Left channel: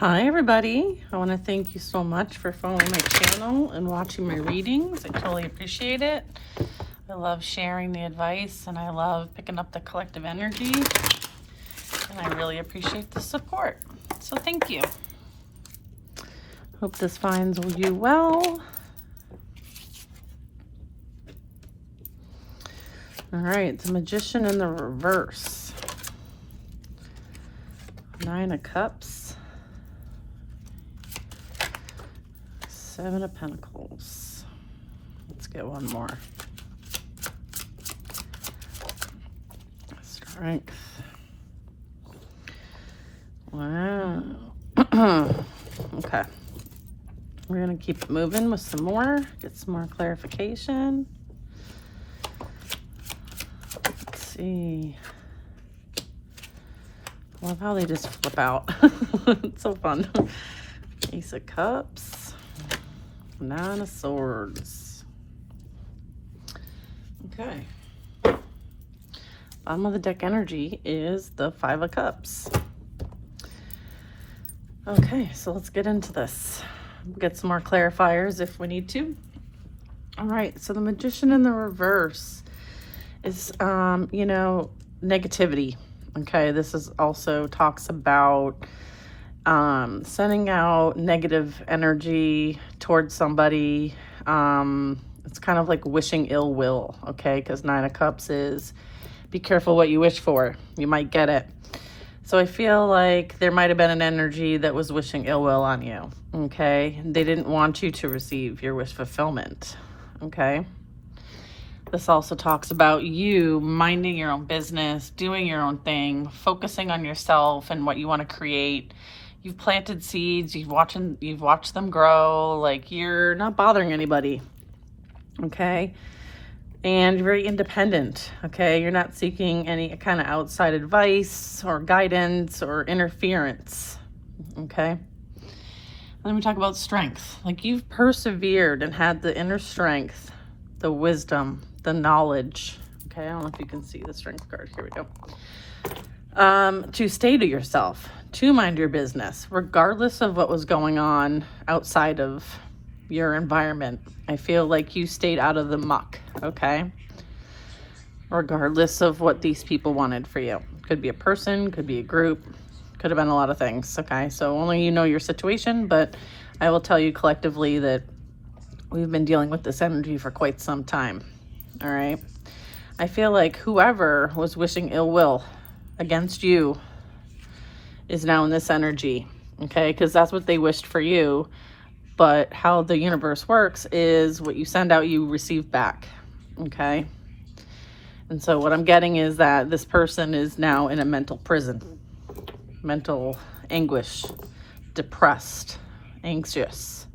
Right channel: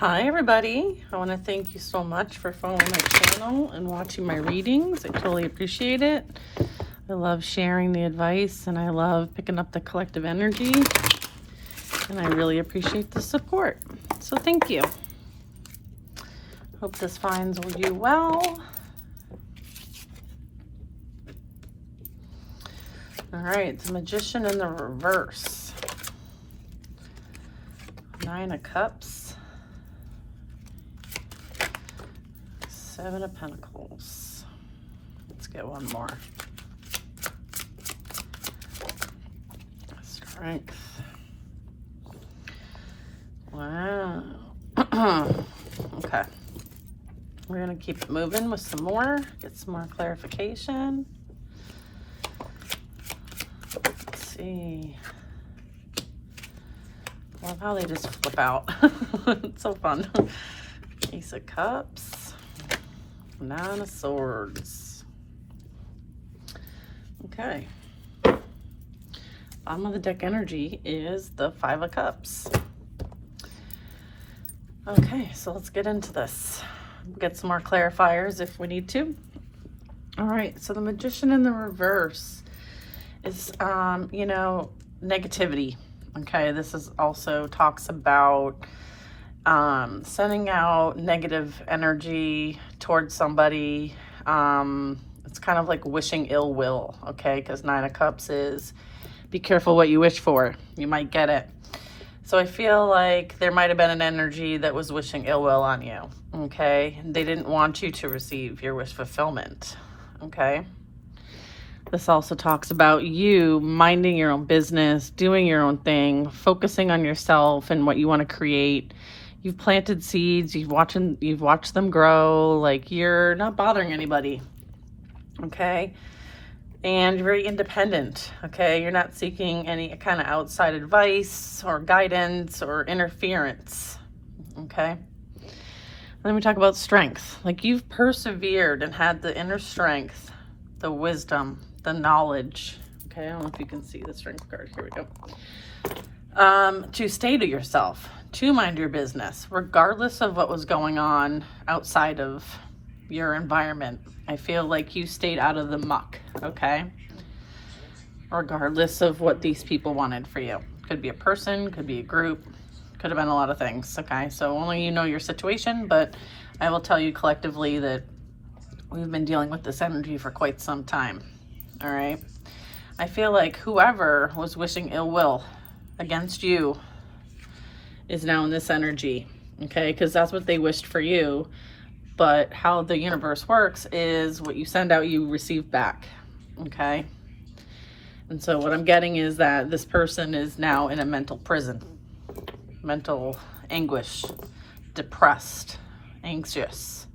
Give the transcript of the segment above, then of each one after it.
Hi everybody, I want to thank you so much for following my channel and watching my readings. I truly appreciate it. I love sharing the advice and I love picking up the collective energy, and I really appreciate the support. So thank you. Hope this finds you well. All right, the Magician in the reverse. 9 of Cups. 7 of Pentacles. Let's get one more. Strength. Okay. We're going to keep it moving with some more. Get some more clarification. Let's see. I love how they just flip out. It's so fun. Ace of Cups. 9 of Swords. Okay. Bottom of the deck energy is the 5 of Cups. Okay, so let's get into this. Get some more clarifiers if we need to. All right, so the Magician in the reverse is, negativity. Okay, this is also talks about sending out negative energy towards somebody. It's kind of like wishing ill will, okay? Because 9 of Cups is be careful what you wish for. You might get it. So I feel like there might have been an energy that was wishing ill will on you, okay? They didn't want you to receive your wish fulfillment, okay? This also talks about you minding your own business, doing your own thing, focusing on yourself and what you want to create. You've planted seeds, you've watched them grow, like you're not bothering anybody, okay? And you're very independent, okay? You're not seeking any kind of outside advice or guidance or interference, okay? Then we talk about strength. Like you've persevered and had the inner strength, the wisdom, the knowledge, okay? I don't know if you can see the strength card. Here we go. To stay to yourself, to mind your business, regardless of what was going on outside of your environment. I feel like you stayed out of the muck, okay? Regardless of what these people wanted for you. Could be a person, could be a group, could have been a lot of things, okay? So only you know your situation, but I will tell you collectively that we've been dealing with this energy for quite some time, all right? I feel like whoever was wishing ill will against you is now in this energy, okay? Because that's what they wished for you. But how the universe works is what you send out, you receive back, okay? And so what I'm getting is that this person is now in a mental prison, mental anguish, depressed, anxious,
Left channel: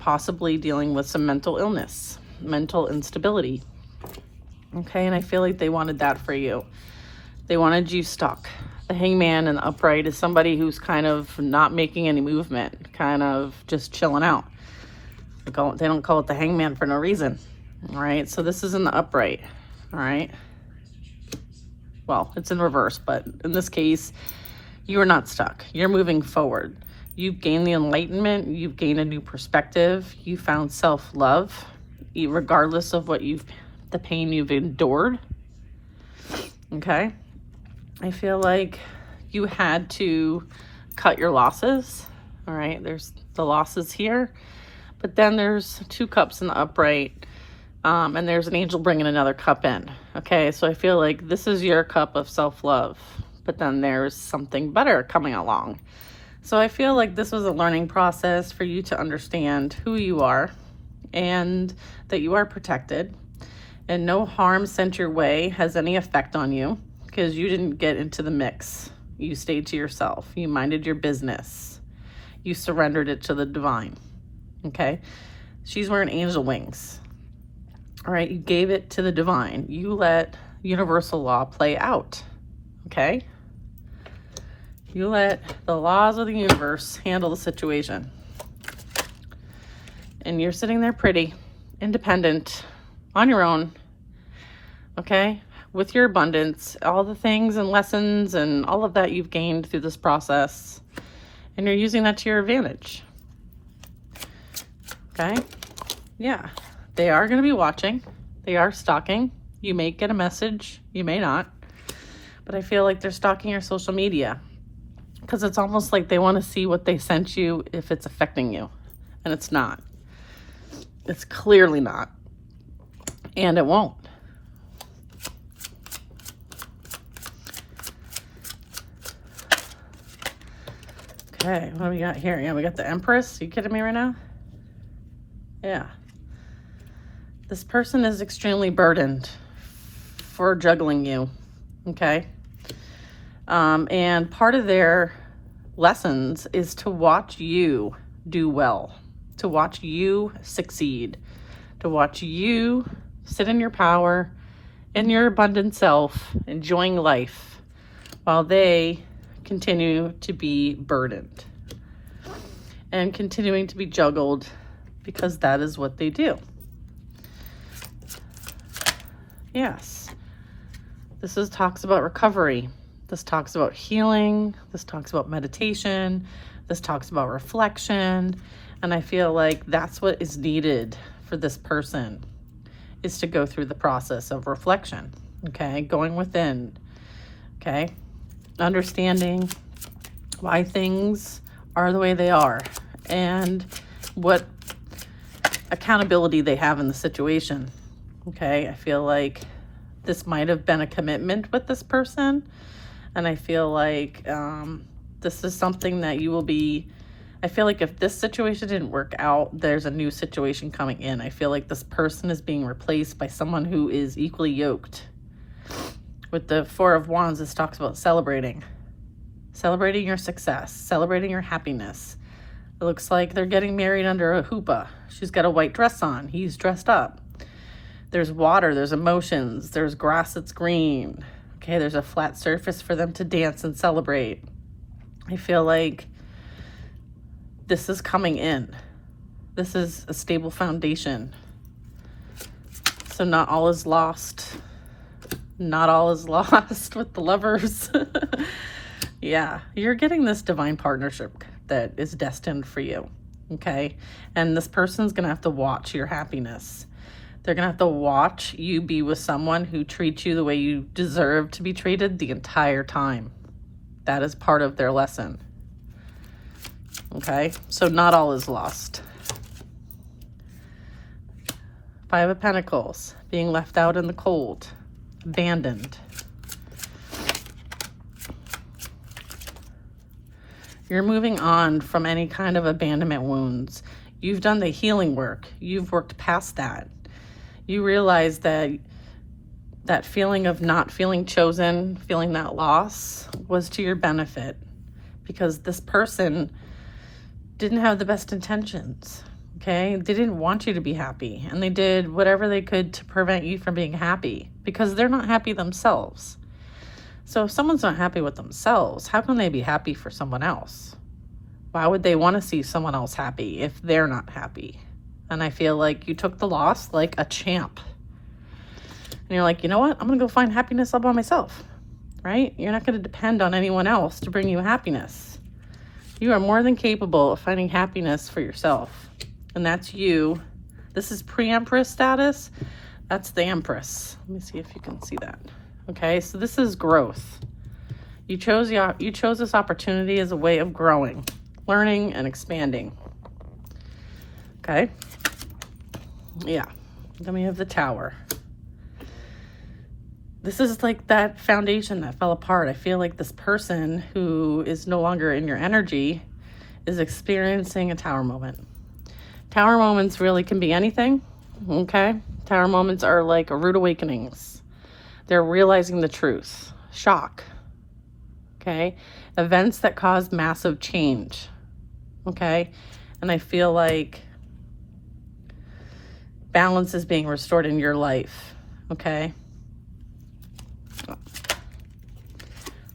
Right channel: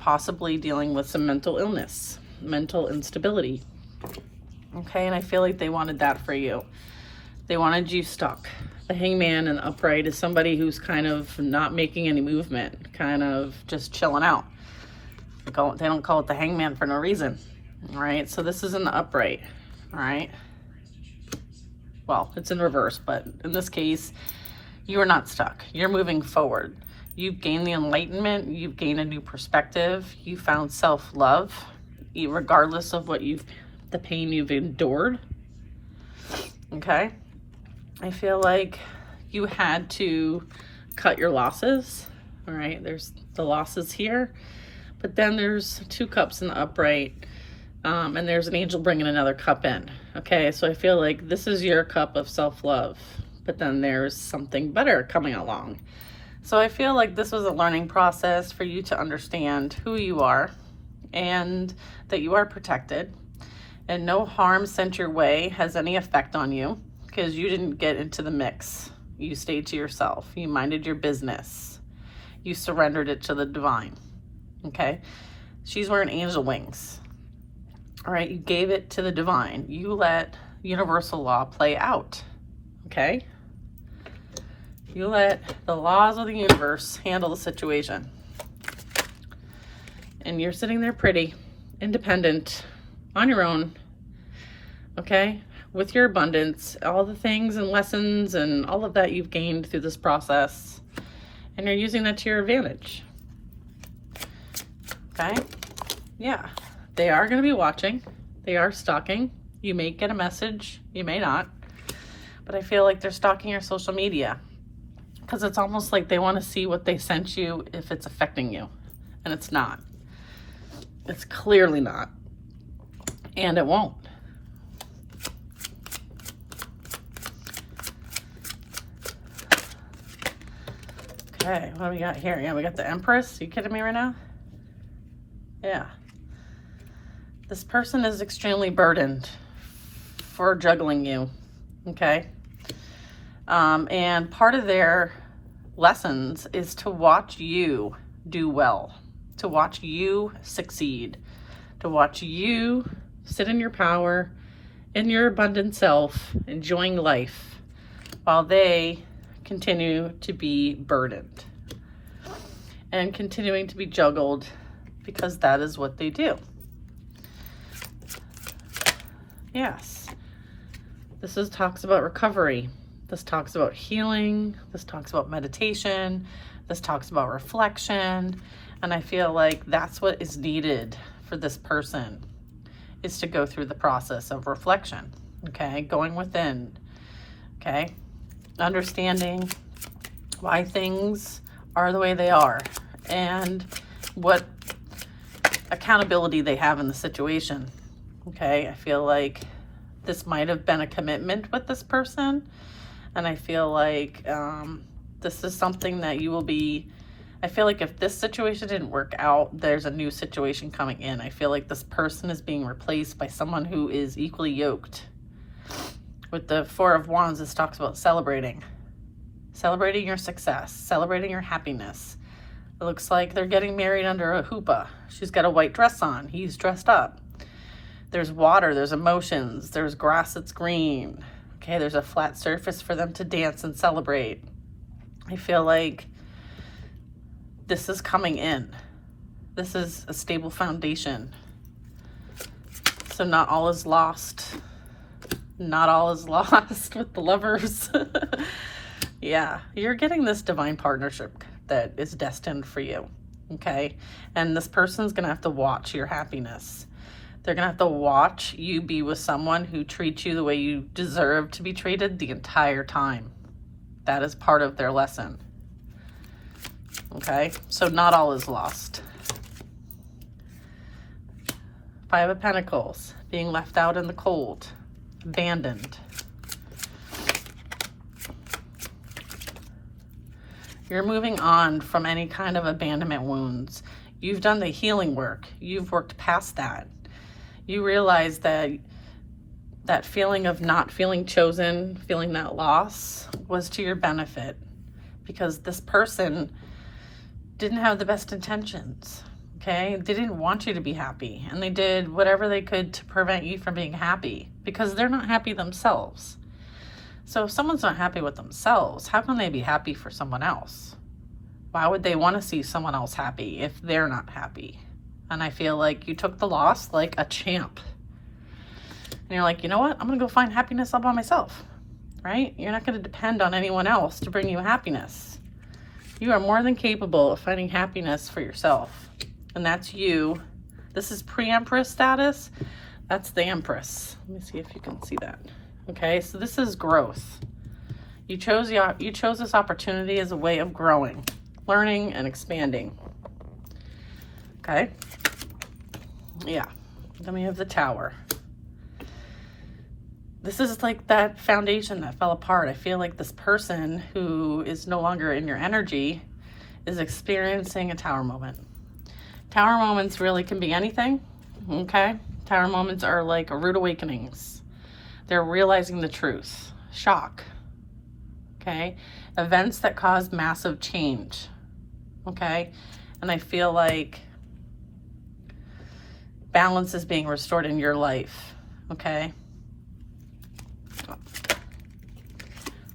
possibly dealing with some mental illness, mental instability, okay? And I feel like they wanted that for you. They wanted you stuck. The Hangman and the Upright is somebody who's kind of not making any movement, kind of just chilling out. They don't call it the Hangman for no reason, all right? So this is in the Upright, all right? Well, it's in reverse, but in this case, you are not stuck. You're moving forward. You've gained the enlightenment. You've gained a new perspective. You found self-love, regardless of the pain you've endured, okay? I feel like you had to cut your losses, all right? There's the losses here, but then there's 2 cups in the Upright, and there's an angel bringing another cup in, okay? So I feel like this is your cup of self-love, but then there's something better coming along. So I feel like this was a learning process for you to understand who you are and that you are protected and no harm sent your way has any effect on you, because you didn't get into the mix. You stayed to yourself. You minded your business. You surrendered it to the divine, okay? She's wearing angel wings, all right? You gave it to the divine. You let universal law play out, okay? You let the laws of the universe handle the situation. And you're sitting there pretty, independent, on your own, okay? with your abundance, all the things and lessons and all of that you've gained through this process, and you're using that to your advantage. Okay? Yeah. They are going to be watching. They are stalking. You may get a message. You may not. But I feel like they're stalking your social media, because it's almost like they want to see what they sent you, if it's affecting you. And it's not. It's clearly not. And it won't. Okay, what do we got here? Yeah, we got the Empress. Are you kidding me right now? Yeah. This person is extremely burdened for juggling you. Okay? And part of their lessons is to watch you do well, to watch you succeed, to watch you sit in your power, in your abundant self, enjoying life, while they continue to be burdened and continuing to be juggled, because that is what they do. Yes. This talks about recovery. This talks about healing. This talks about meditation. This talks about reflection. And I feel like that's what is needed for this person, is to go through the process of reflection. Okay? Going within. Okay? Understanding why things are the way they are and what accountability they have in the situation. Okay? I feel like this might have been a commitment with this person. And I feel like this is something that you will be, I feel like if this situation didn't work out, there's a new situation coming in. I feel like this person is being replaced by someone who is equally yoked. With the Four of Wands, this talks about celebrating your success, celebrating your happiness. It looks like they're getting married under a chuppah. She's got a white dress on. He's dressed up. There's water, there's emotions, there's grass that's green. Okay, there's a flat surface for them to dance and celebrate. I feel like this is coming in. This is a stable foundation. So not all is lost. Not all is lost with the Lovers. Yeah, you're getting this divine partnership that is destined for you. Okay, and this person's gonna have to watch your happiness. They're going to have to watch you be with someone who treats you the way you deserve to be treated the entire time. That is part of their lesson. Okay? So not all is lost. Five of Pentacles. Being left out in the cold. Abandoned. You're moving on from any kind of abandonment wounds. You've done the healing work. You've worked past that. You realize that that feeling of not feeling chosen, feeling that loss, was to your benefit, because this person didn't have the best intentions. Okay? They didn't want you to be happy, and they did whatever they could to prevent you from being happy, because they're not happy themselves. So if someone's not happy with themselves, how can they be happy for someone else? Why would they want to see someone else happy if they're not happy? And I feel like you took the loss like a champ. And you're like, you know what? I'm going to go find happiness all by myself, right? You're not going to depend on anyone else to bring you happiness. You are more than capable of finding happiness for yourself. And that's you. This is pre-Empress status. That's the Empress. Let me see if you can see that. Okay, so this is growth. You chose this opportunity as a way of growing, learning, and expanding. Okay? Yeah. Then we have the Tower. This is like that foundation that fell apart. I feel like this person who is no longer in your energy is experiencing a Tower moment. Tower moments really can be anything. Okay? Tower moments are like rude awakenings. They're realizing the truth. Shock. Okay? Events that cause massive change. Okay? And I feel like balance is being restored in your life. Okay?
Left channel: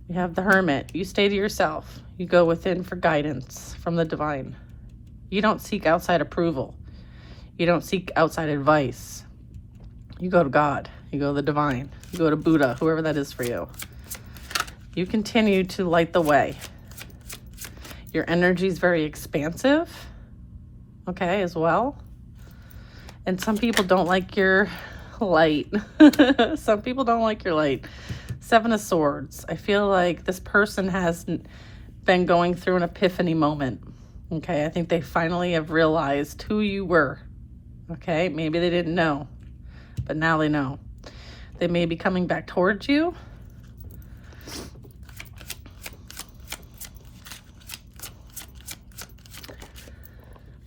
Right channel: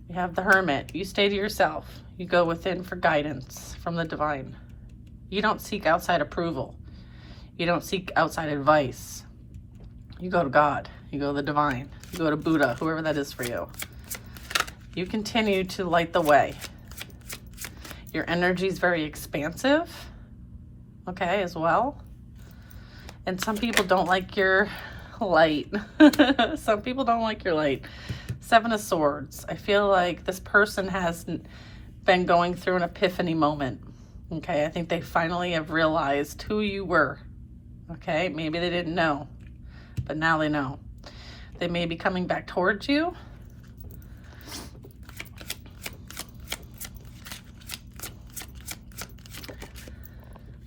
You have the Hermit. You stay to yourself. You go within for guidance from the divine. You don't seek outside approval. You don't seek outside advice. You go to God. You go to the divine. You go to Buddha, whoever that is for you. You continue to light the way. Your energy is very expansive, okay, as well. And some people don't like your light. Some people don't like your light. Seven of Swords. I feel like this person has been going through an epiphany moment. Okay, I think they finally have realized who you were. Okay, maybe they didn't know, but now they know. They may be coming back towards you.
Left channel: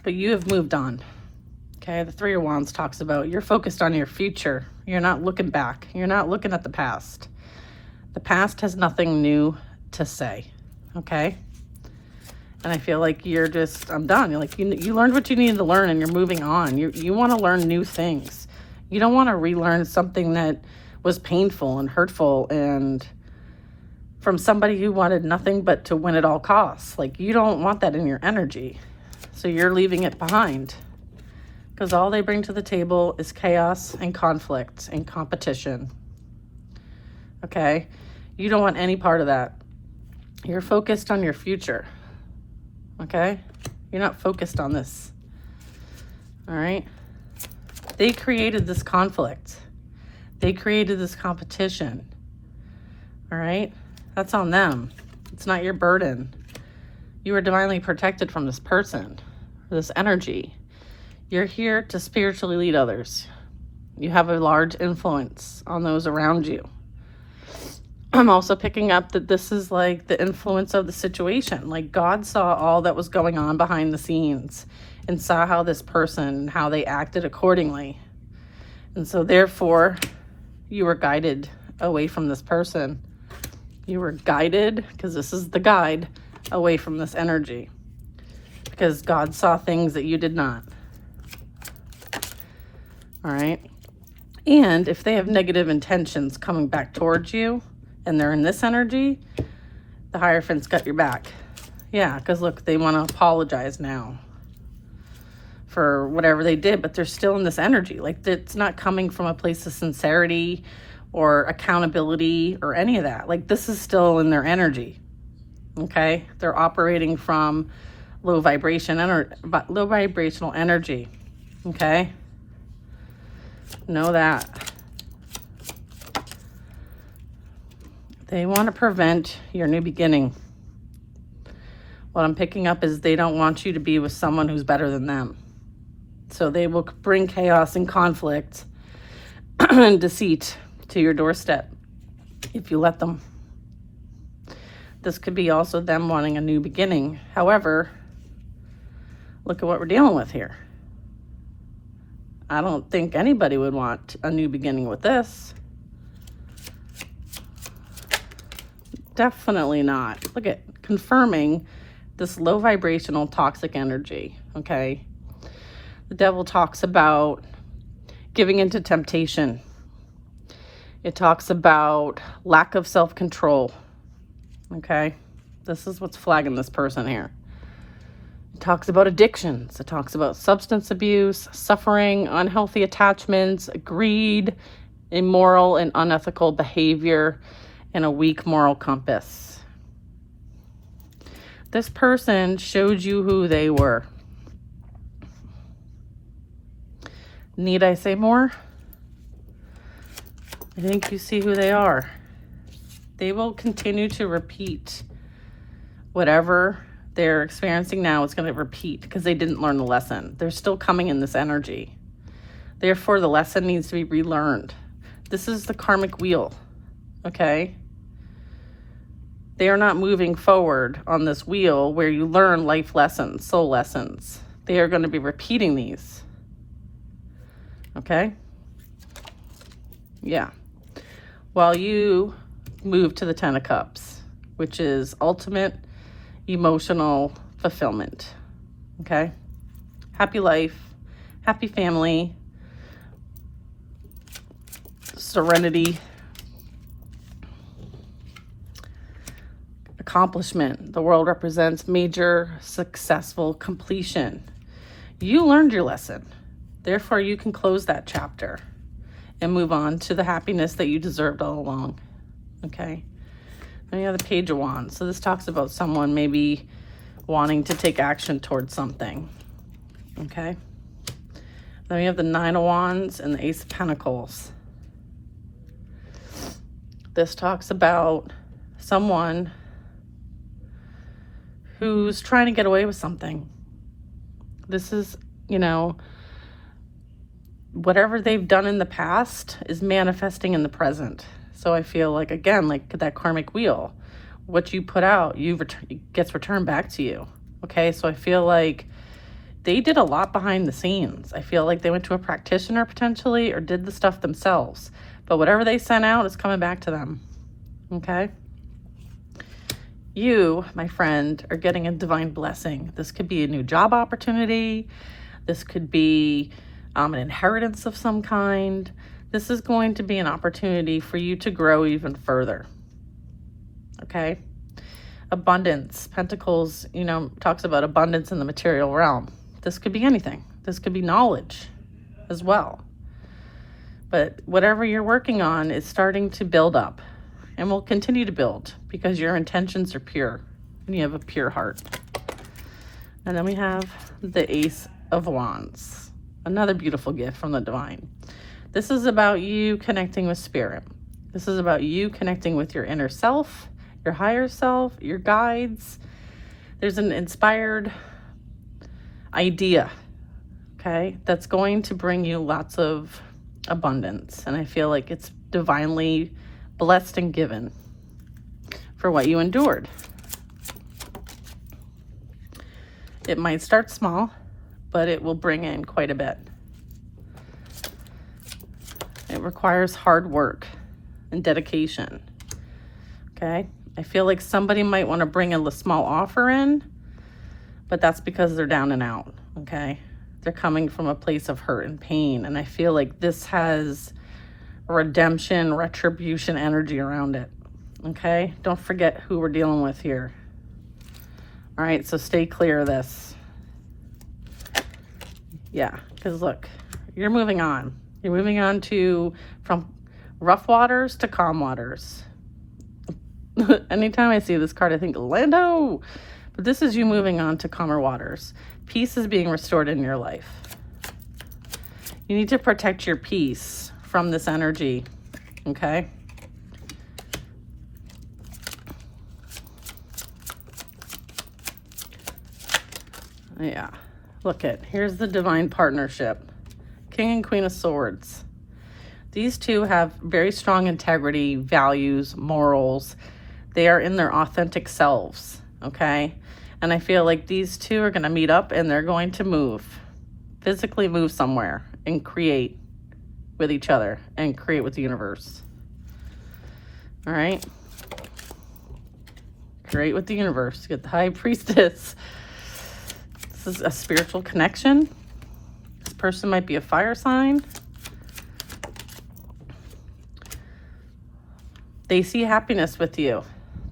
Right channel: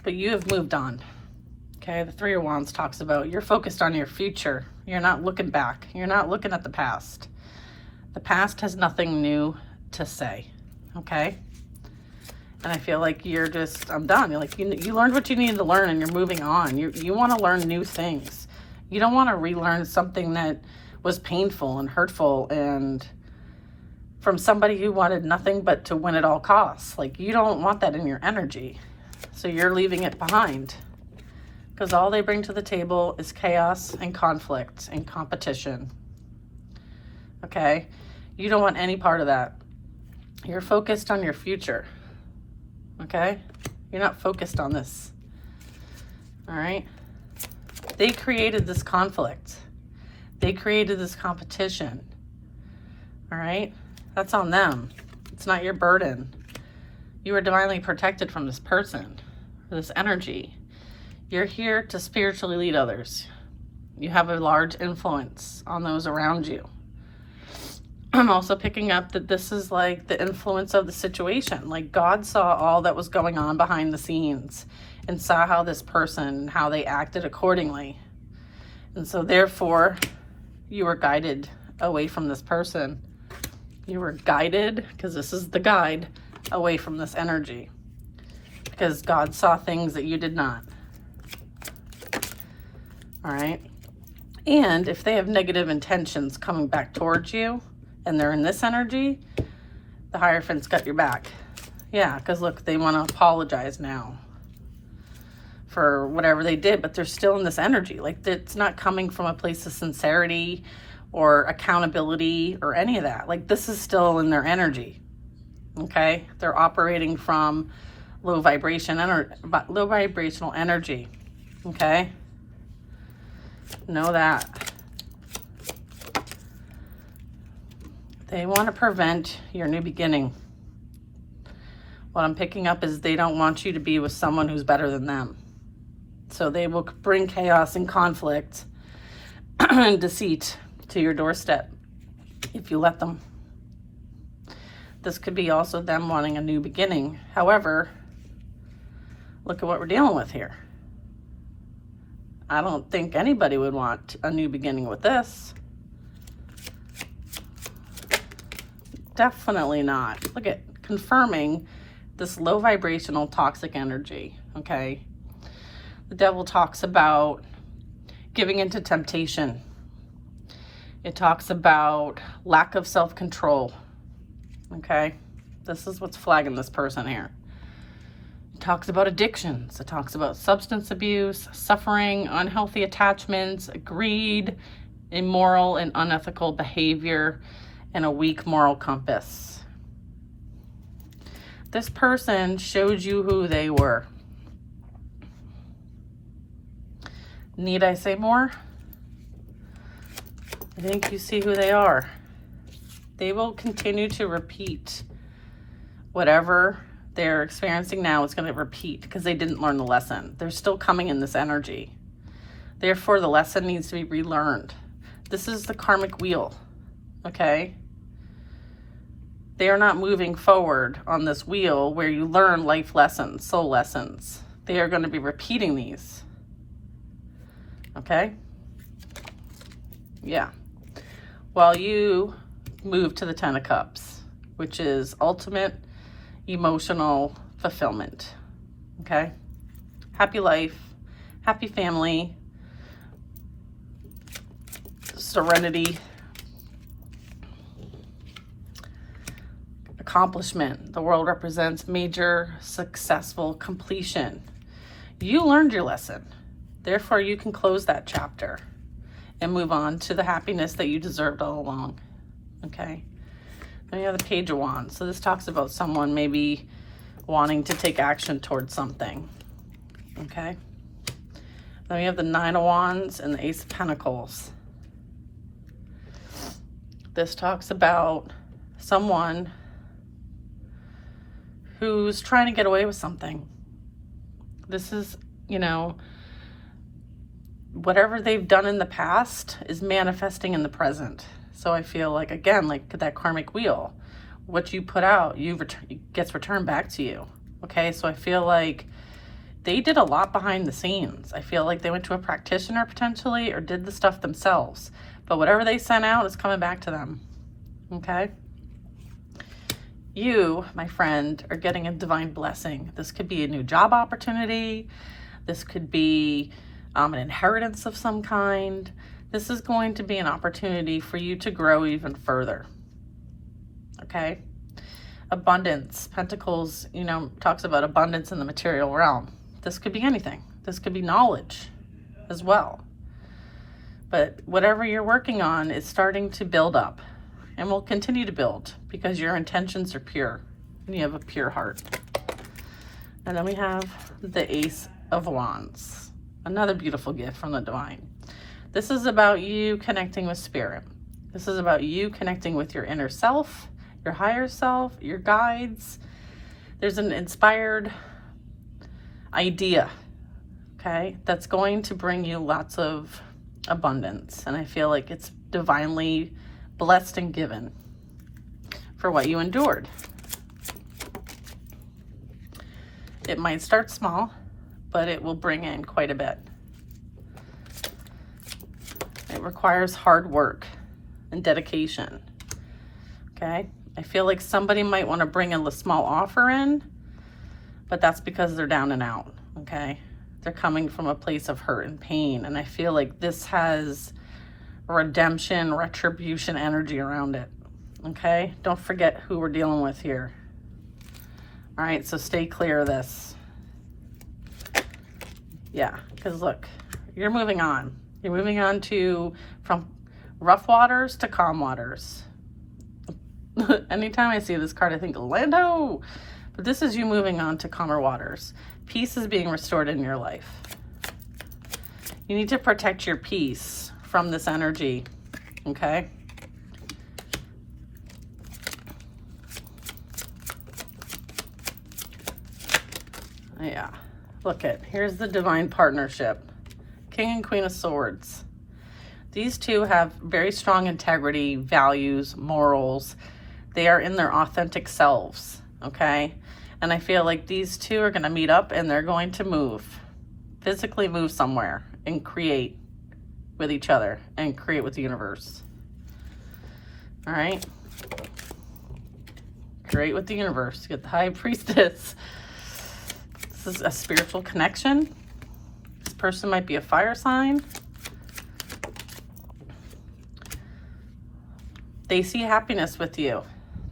But you have moved on. Okay, the Three of Wands talks about you're focused on your future. You're not looking back. You're not looking at the past. The past has nothing new to say. Okay? And I feel like you're just, I'm done. You're like, you learned what you needed to learn and you're moving on. You want to learn new things. You don't want to relearn something that was painful and hurtful and from somebody who wanted nothing but to win at all costs. Like, you don't want that in your energy. So you're leaving it behind. Because all they bring to the table is chaos and conflict and competition. Okay? You don't want any part of that. You're focused on your future. Okay? You're not focused on this. All right? They created this conflict. They created this competition. All right? That's on them. It's not your burden. You are divinely protected from this person, this energy. You're here to spiritually lead others. You have a large influence on those around you. I'm also picking up that this is like the influence of the situation. Like, God saw all that was going on behind the scenes and saw how this person, how they acted accordingly. And so therefore, you were guided away from this person. You were guided, because this is the guide, away from this energy. Because God saw things that you did not. All right? And if they have negative intentions coming back towards you, and they're in this energy, the Hierophant's got your back. Yeah, because look, they want to apologize now for whatever they did, but they're still in this energy. Like, it's not coming from a place of sincerity or accountability or any of that. Like, this is still in their energy. Okay? They're operating from low vibrational energy. Okay? Know that. They want to prevent your new beginning. What I'm picking up is they don't want you to be with someone who's better than them. So they will bring chaos and conflict and deceit to your doorstep if you let them. This could be also them wanting a new beginning. However, look at what we're dealing with here. I don't think anybody would want a new beginning with this. Definitely not. Look at confirming this low vibrational toxic energy, okay? The devil talks about giving into temptation. It talks about lack of self-control, okay? This is what's flagging this person here. It talks about addictions. It talks about substance abuse, suffering, unhealthy attachments, greed, immoral and unethical behavior, and a weak moral compass. This person showed you who they were. Need I say more? I think you see who they are. They will continue to repeat whatever they're experiencing now. It's going to repeat because they didn't learn the lesson. They're still coming in this energy. Therefore, the lesson needs to be relearned. This is the karmic wheel, okay? They are not moving forward on this wheel where you learn life lessons, soul lessons. They are going to be repeating these. Okay? Yeah. While you move to the Ten of Cups, which is ultimate emotional fulfillment. Okay? Happy life, happy family, serenity, accomplishment. The world represents major successful completion. You learned your lesson. Therefore, you can close that chapter and move on to the happiness that you deserved all along. Okay. Then you have the Page of Wands. So this talks about someone maybe wanting to take action towards something. Okay. Then we have the Nine of Wands and the Ace of Pentacles. This talks about someone who's trying to get away with something. This is, you know, whatever they've done in the past is manifesting in the present. So I feel like, again, like that karmic wheel, what you put out, gets returned back to you. Okay, so I feel like they did a lot behind the scenes. I feel like they went to a practitioner potentially or did the stuff themselves. But whatever they sent out is coming back to them. Okay? You, my friend, are getting a divine blessing. This could be a new job opportunity. This could be an inheritance of some kind. This is going to be an opportunity for you to grow even further. Okay? Abundance. Pentacles, you know, talks about abundance in the material realm. This could be anything. This could be knowledge as well. But whatever you're working on is starting to build up and will continue to build because your intentions are pure and you have a pure heart. And then we have the Ace of Wands, another beautiful gift from the divine. This is about you connecting with spirit. This is about you connecting with your inner self, your higher self, your guides. There's an inspired idea, okay, that's going to bring you lots of abundance. And I feel like it's divinely blessed and given for what you endured. It might start small, but it will bring in quite a bit. It requires hard work and dedication. Okay, I feel like somebody might want to bring a small offer in, but that's because they're down and out. Okay, they're coming from a place of hurt and pain, and I feel like this has redemption, retribution energy around it. Okay, don't forget who we're dealing with here. All right, so stay clear of this. Yeah, because look, you're moving on. You're moving on from rough waters to calm waters. Anytime I see this card, I think Lando. But this is you moving on to calmer waters. Peace is being restored in your life. You need to protect your peace from this energy, okay? Yeah, look here's the divine partnership. King and Queen of Swords. These two have very strong integrity, values, morals. They are in their authentic selves, okay? And I feel like these two are going to meet up and they're going to physically move somewhere and create with each other and create with the universe. All right? Create with the universe. Get the High Priestess. This is a spiritual connection. This person might be a fire sign. They see happiness with you.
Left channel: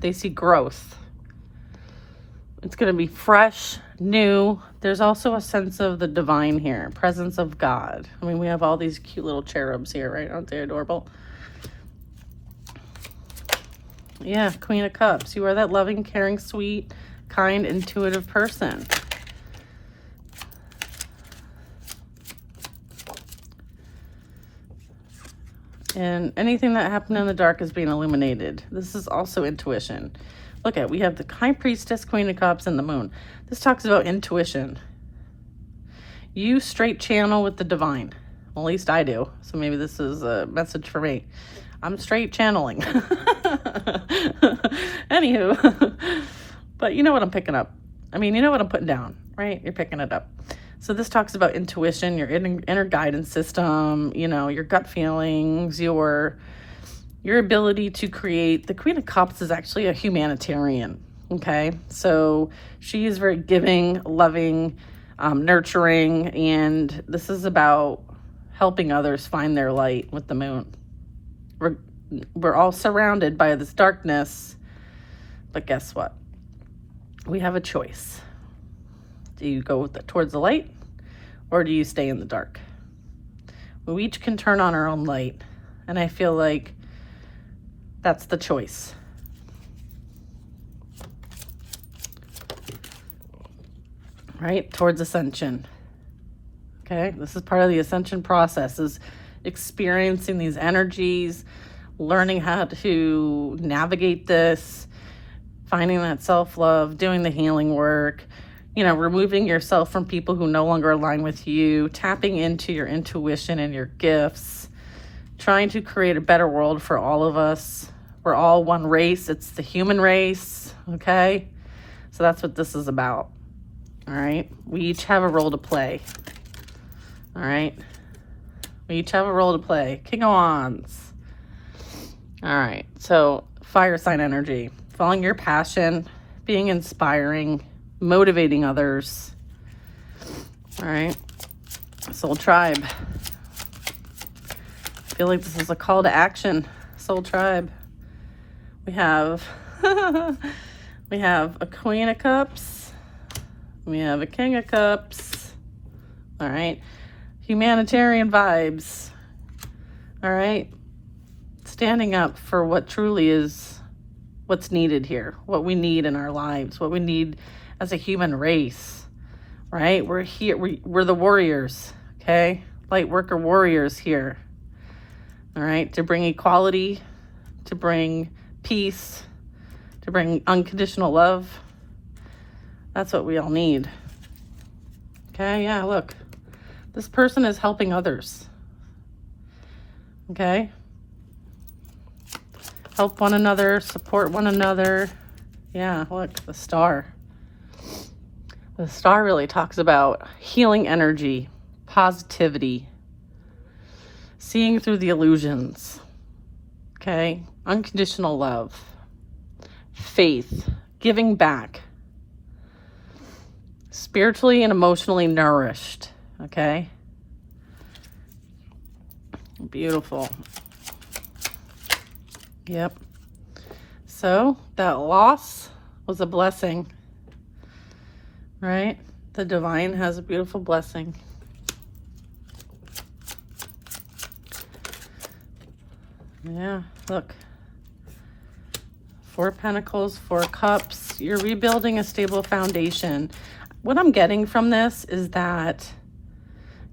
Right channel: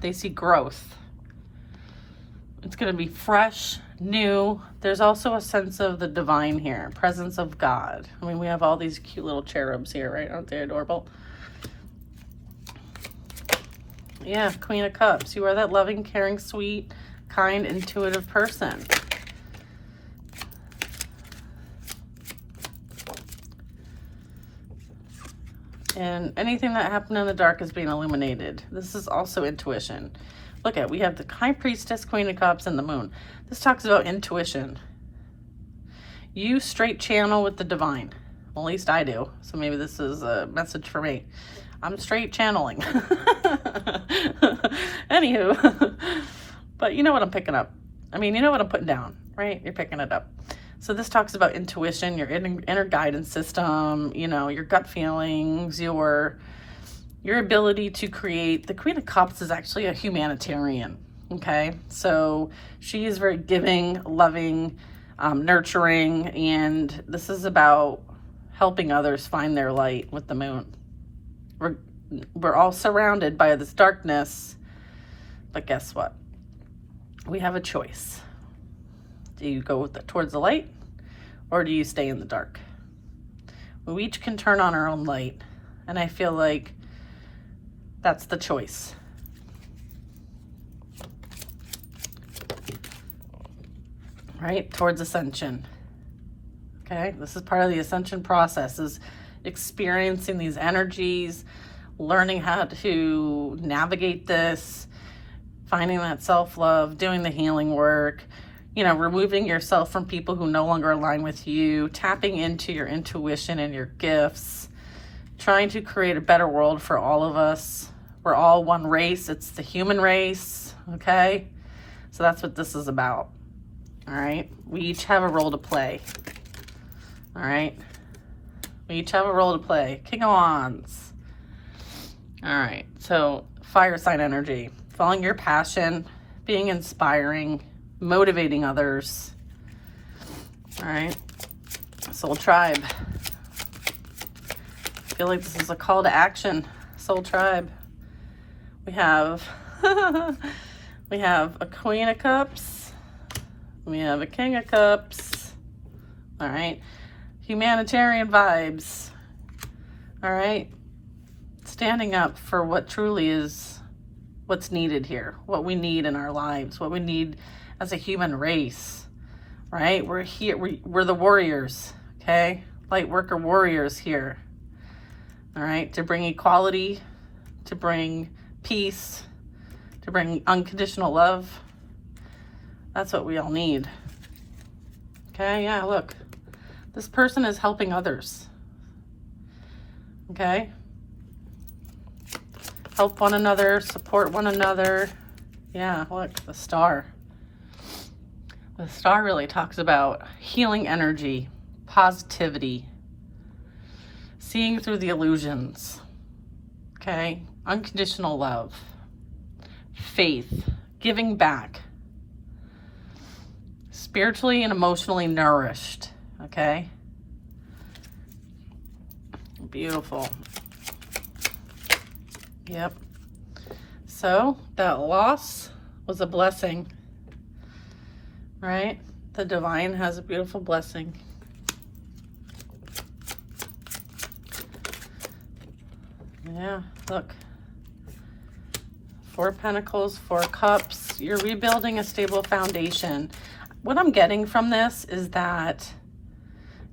They see growth. It's going to be fresh, new. There's also a sense of the divine here, presence of God. I mean, we have all these cute little cherubs here, right? Aren't they adorable? Yeah, Queen of Cups. You are that loving, caring, sweet, kind, intuitive person. And anything that happened in the dark is being illuminated. This is also intuition. Look we have the High Priestess, Queen of Cups, and the Moon. This talks about intuition. You straight channel with the divine. Well, at least I do. So maybe this is a message for me. I'm straight channeling. Anywho. But you know what I'm picking up. I mean, you know what I'm putting down, right? You're picking it up. So this talks about intuition, your inner guidance system, you know, your gut feelings, your ability to create. The Queen of Cups is actually a humanitarian, okay? So she is very giving, loving, nurturing, and this is about helping others find their light with the Moon. We're all surrounded by this darkness, but guess what? We have a choice. Do you go towards the light, or do you stay in the dark? We each can turn on our own light. And I feel like that's the choice. Right? Towards ascension. Okay? This is part of the ascension process, is experiencing these energies, learning how to navigate this, finding that self-love, doing the healing work, you know, removing yourself from people who no longer align with you, tapping into your intuition and your gifts, trying to create a better world for all of us. We're all one race. It's the human race, okay? So that's what this is about, all right? We each have a role to play, all right? We each have a role to play. King of Wands. All right, so fire sign energy, following your passion, being inspiring, motivating others. All right, Soul Tribe. I feel like this is a call to action. Soul Tribe. We have we have a Queen of Cups. We have a King of Cups. All right, humanitarian vibes. All right, standing up for what truly is what's needed here, what we need in our lives, what we need as a human race, right? We're here, we're the warriors, okay? Light worker warriors here, all right? To bring equality, to bring peace, to bring unconditional love. That's what we all need. Okay, yeah, look. This person is helping others. Okay? Help one another, support one another. Yeah, look, the Star. The Star really talks about healing energy, positivity, seeing through the illusions, okay? Unconditional love, faith, giving back, spiritually and emotionally nourished, okay? Beautiful. Yep. So that loss was a blessing, right? The divine has a beautiful blessing. Yeah, look. 4 Pentacles, 4 Cups. You're rebuilding a stable foundation. What I'm getting from this is that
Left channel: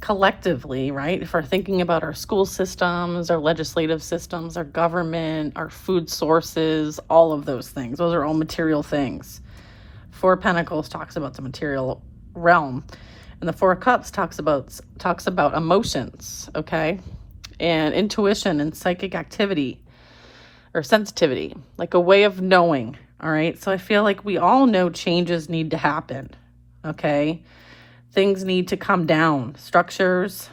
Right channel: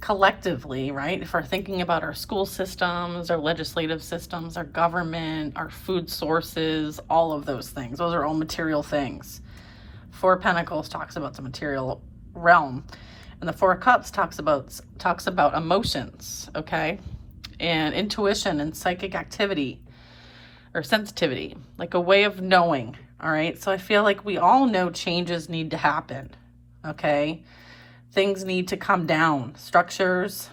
collectively, right? If we're thinking about our school systems, our legislative systems, our government, our food sources, all of those things, those are all material things. 4 Pentacles talks about the material realm, and the 4 Cups talks about emotions, okay? And intuition and psychic activity or sensitivity, like a way of knowing, all right? So I feel like we all know changes need to happen, okay? Things need to come down. Structures,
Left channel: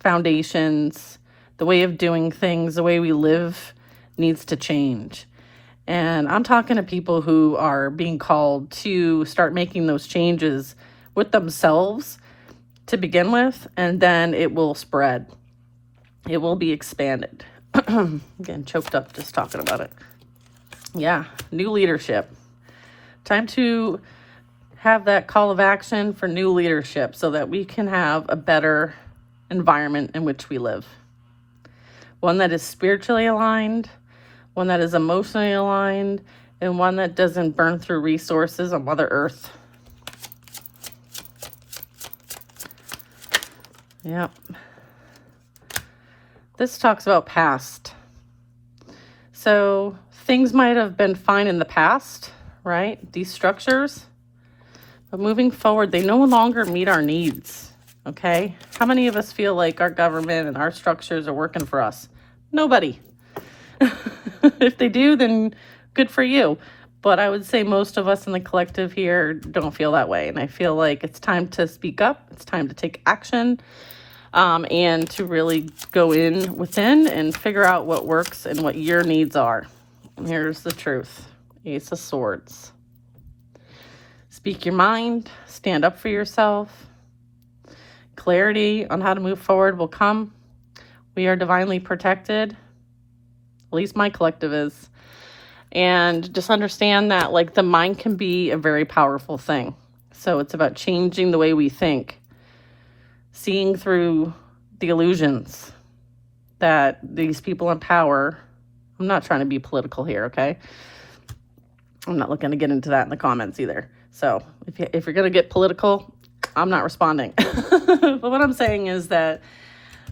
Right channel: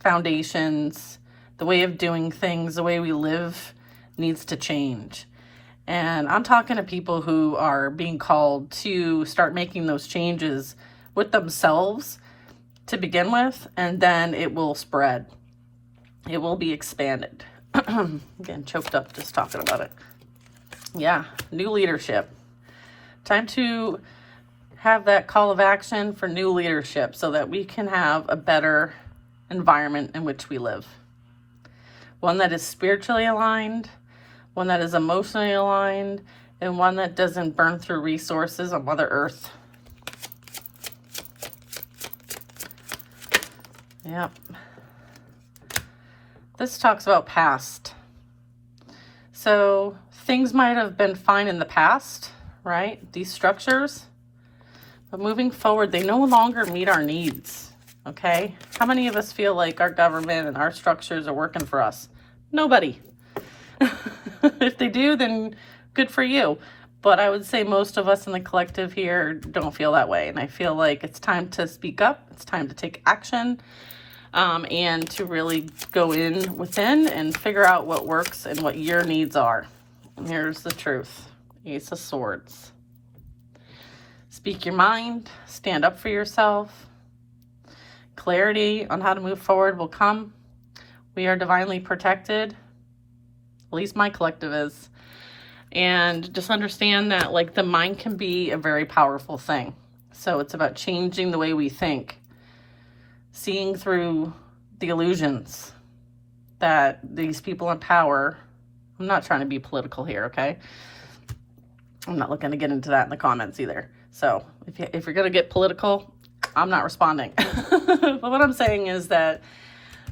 foundations, the way of doing things, the way we live needs to change. And I'm talking to people who are being called to start making those changes with themselves to begin with, and then it will spread. It will be expanded. I'm getting choked up just talking about it. Yeah, new leadership. Time to have that call of action for new leadership so that we can have a better environment in which we live. One that is spiritually aligned, one that is emotionally aligned, and one that doesn't burn through resources on Mother Earth. Yeah. This talks about past. So things might have been fine in the past, right? These structures. But moving forward, they no longer meet our needs, okay? How many of us feel like our government and our structures are working for us? Nobody. If they do, then good for you. But I would say most of us in the collective here don't feel that way. And I feel like it's time to speak up. It's time to take action, and to really go within and figure out what works and what your needs are. Here's the truth. Ace of Swords. Speak your mind, stand up for yourself. Clarity on how to move forward will come. We are divinely protected. At least my collective is. And just understand that, like, the mind can be a very powerful thing. So it's about changing the way we think. Seeing through the illusions that these people in power, I'm not trying to be political here, okay? I'm not looking to get into that in the comments either. So if you're going to get political, I'm not responding. But what I'm saying is that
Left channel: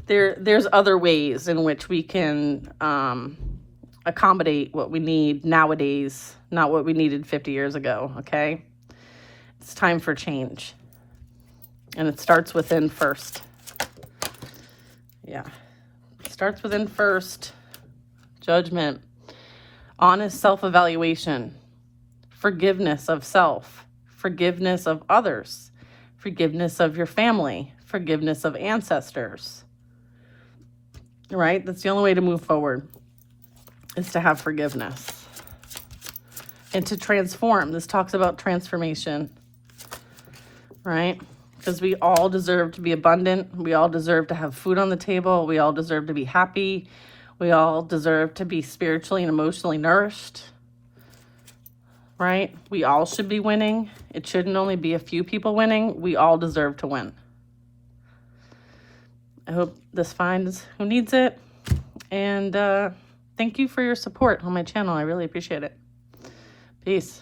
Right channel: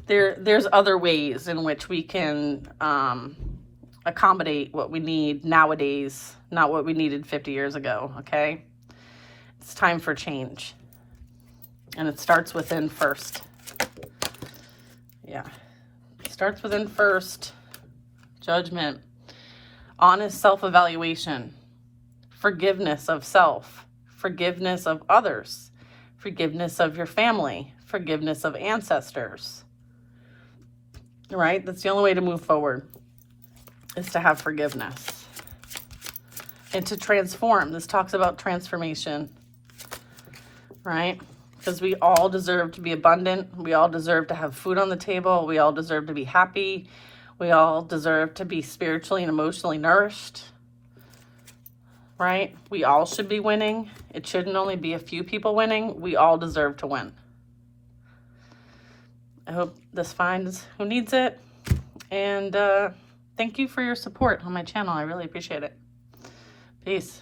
there's other ways in which we can accommodate what we need nowadays, not what we needed 50 years ago, okay? It's time for change. And it starts within first. Yeah. It starts within first. Judgment. Honest self-evaluation. Forgiveness of self. Forgiveness of others. Forgiveness of your family. Forgiveness of ancestors. Right? That's the only way to move forward, is to have forgiveness. And to transform. This talks about transformation. Right? Because we all deserve to be abundant. We all deserve to have food on the table. We all deserve to be happy. We all deserve to be spiritually and emotionally nourished. Right? We all should be winning. It shouldn't only be a few people winning. We all deserve to win. I hope this finds who needs it. And thank you for your support on my channel. I really appreciate it. Peace.